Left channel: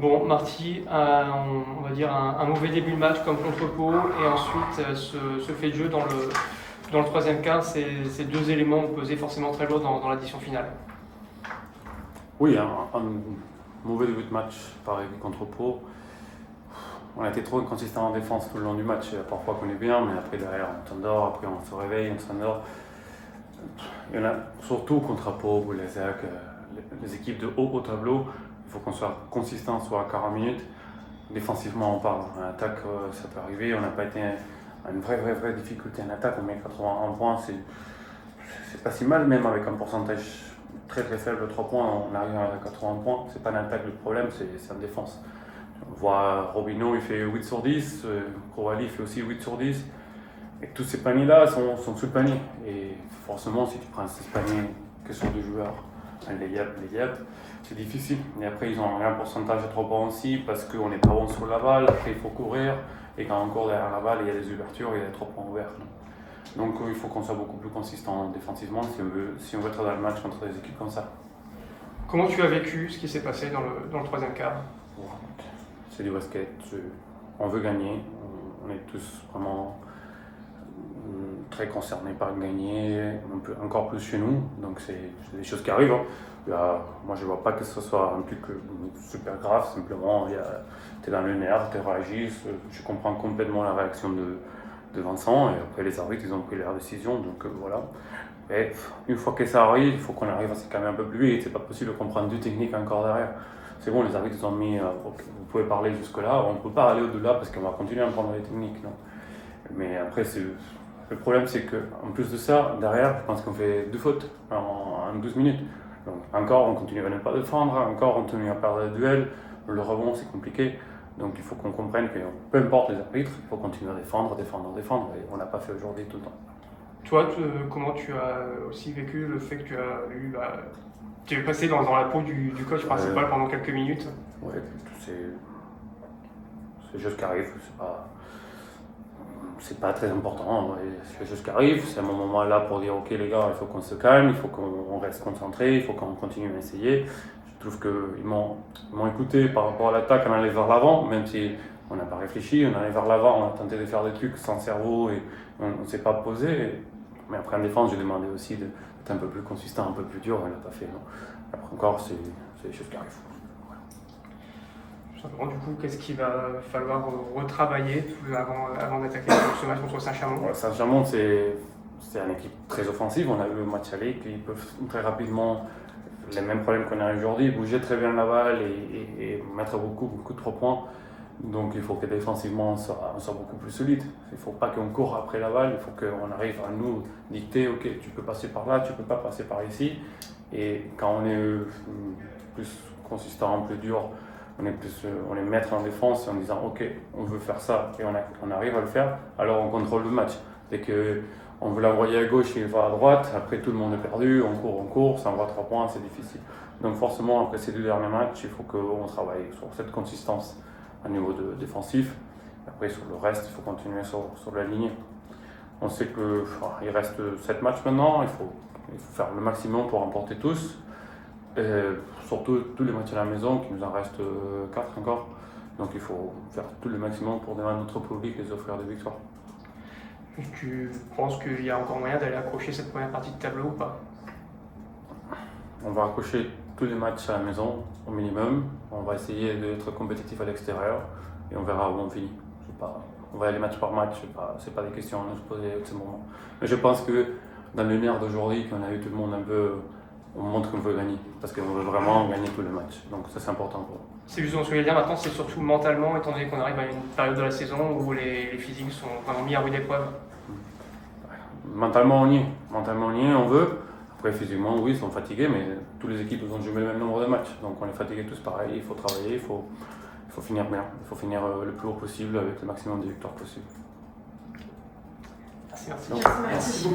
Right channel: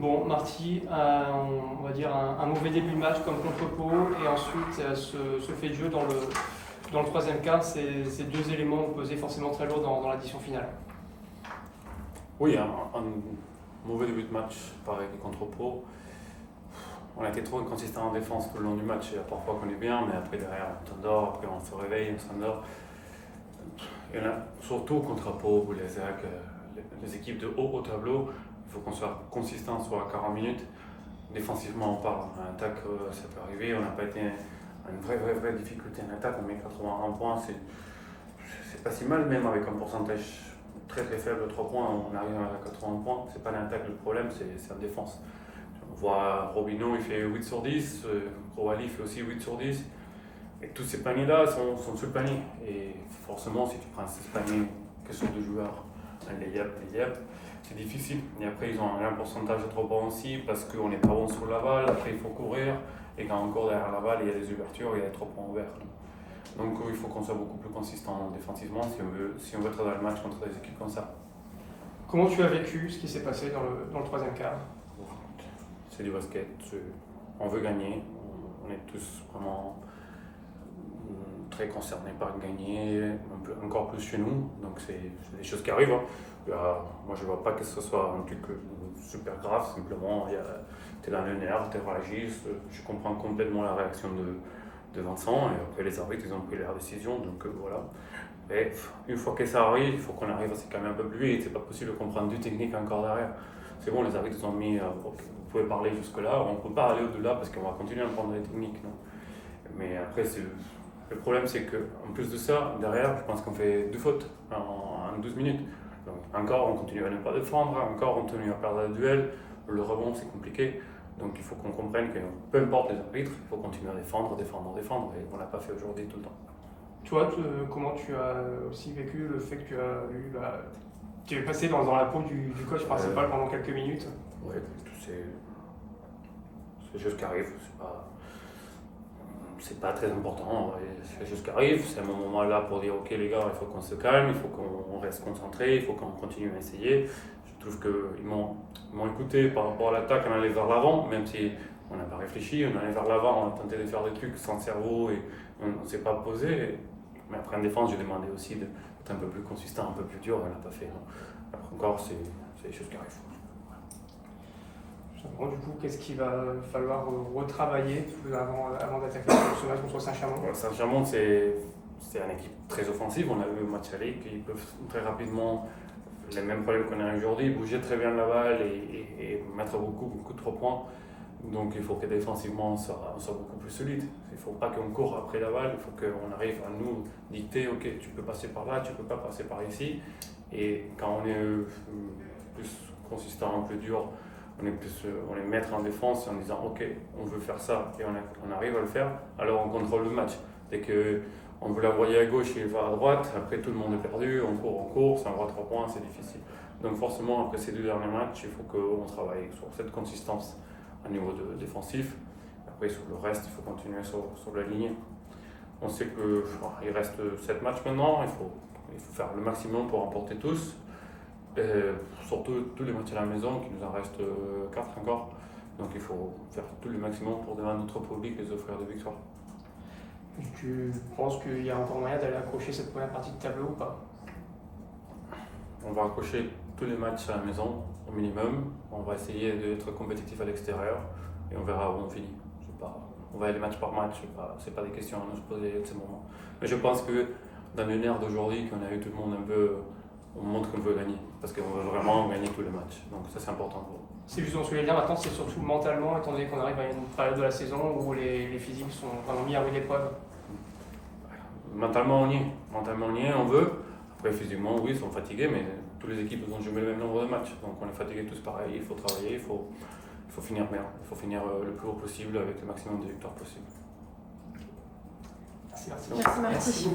Bon, Marty, on va dire un mauvais début de match comme contre Pau, et ensuite ce fait de jeu dans le troisième quart, ces deux éléments ont pesé forcément très lourd dans l'addition finale. Oui, un mauvais début de match, pareil contre Pau. On a été trop inconsistant en défense tout le long du match. Il y a parfois qu'on est bien, mais après derrière on s'endort, après on se réveille, on s'endort. Il y en a surtout contre Pau ou les EAC, les équipes de haut au tableau. Il faut qu'on soit consistant soit à 40 minutes. Défensivement, on parle. En attaque, ça peut arriver. On n'a pas été une vraie difficulté en attaque. On met 81 points. C'est pas si mal, même avec un pourcentage très faible de 3 points. On arrive à 80 points. C'est pas l'attaque le problème, c'est en défense. On voit Robinho, il fait 8 sur 10. Koulibaly fait aussi 8 sur 10. Et tous ces paniers-là sont sous le panier. Et forcément, si tu prends ces paniers que sur deux joueurs, les yep, c'est difficile. Et après, ils ont un pourcentage de 3 points aussi parce qu'on n'est pas bon sur la balle. Après, il faut courir. Et quand on court derrière la balle, il y a les ouvertures, il y a les 3 points ouverts. Donc, il faut qu'on soit beaucoup plus consistant défensivement si on veut être dans le match contre des équipes comme ça. Comment tu as vécu ce qui s'est passé dans le troisième quart? C'est du basket. On veut gagner. On est tous vraiment très concernés par gagner, encore plus chez nous. Donc, c'est des choses qui arrivent. Moi, je ne vois pas que ce soit un truc super grave. Simplement, tu es dans le nerf, tu réagis. Je comprends complètement la réaction de Vincent. Et après, les arbitres, ils ont pris leur décision. Donc, voilà. Et une fois que ça arrive, il faut qu'on arrive à se calmer un peu plus vite. C'est pas possible de comprendre deux techniques encore derrière. C'est bon, les arbitres ils ont mis, vous pouvez parler jusque-là. On ne peut pas aller au-delà parce qu'on va continuer à prendre les techniques. Non. Mais après, le problème, c'est qu'en plus de ça, derrière, je pense qu'on fait 2 fautes en 12 minutes. Donc, encore, on continue à ne pas défendre, encore, on continue à perdre le duel. Le rebond, c'est compliqué. Donc, il faut qu'on comprenne que peu importe les arbitres, il faut continuer à défendre. Et on n'a pas fait aujourd'hui tout le temps. Toi, comment tu as aussi vécu le fait que tu es passé dans la peau du coach principal pendant quelques minutes? Oui, c'est des choses qui arrivent. C'est pas très important, c'est juste qui arrive, c'est un moment là pour dire ok les gars, il faut qu'on se calme, il faut qu'on reste concentré, il faut qu'on continue à essayer. Je trouve qu'ils m'ont écouté par rapport à l'attaque, on allait vers l'avant, même si on n'a pas réfléchi, on allait vers l'avant, on a tenté de faire des trucs sans cerveau et on ne s'est pas posé. Mais après en défense, j'ai demandé aussi d'être un peu plus consistant, un peu plus dur, on ne l'a pas fait. Non. Après encore, c'est des choses qui arrivent. Du coup, qu'est-ce qu'il va falloir retravailler avant d'attaquer ce match contre Saint-Chamond? Saint-Chamond, c'est une équipe très offensive. On a eu un match aller qui peuvent très rapidement, les mêmes problèmes qu'on a aujourd'hui, bouger très bien la balle et mettre beaucoup de 3 points. Donc il faut que défensivement on soit beaucoup plus solide. Il ne faut pas qu'on court après la balle, il faut qu'on arrive à nous dicter ok, tu peux passer par là, tu ne peux pas passer par ici. Et quand on est plus consistant, plus dur, on est maître en défense en disant ok, on veut faire ça et on arrive à le faire, alors on contrôle le match. Dès qu'on veut l'envoyer à gauche et il va à droite, après tout le monde est perdu, on court, ça envoie 3 points, c'est difficile. Donc forcément, après ces 2 derniers matchs, il faut qu'on travaille sur cette consistance à niveau défensif. Après sur le reste, il faut continuer sur la ligne. On sait qu'il reste 7 matchs maintenant, il faut faire le maximum pour remporter tous. Surtout tous les matchs à la maison, qui nous en reste 4 encore. Donc il faut faire tout le maximum pour devant notre public et les offrir des victoires. Tu penses qu'il y a encore moyen d'aller accrocher cette première partie de tableau ou pas? On va accrocher tous les matchs à la maison au minimum. On va essayer d'être compétitif à l'extérieur et on verra où on finit. On va aller match par match, c'est pas des questions à nous se poser à ce moment. Mais je pense que dans le nerf d'aujourd'hui, qu'on a eu tout le monde un peu, on montre qu'on veut gagner, parce qu'on veut vraiment gagner tous les matchs. Donc ça c'est important pour nous. C'est juste ce que je voulais dire maintenant, c'est surtout mentalement, étant donné qu'on arrive à une période de la saison où les physiques sont vraiment mis à rude épreuve. Mentalement on y est, on veut. Après physiquement oui, ils sont fatigués, mais toutes les équipes ont joué le même nombre de matchs. Donc on est fatigués tous pareil, il faut travailler, il faut finir bien. Il faut finir le plus haut possible avec le maximum de victoires possible. Merci. Merci.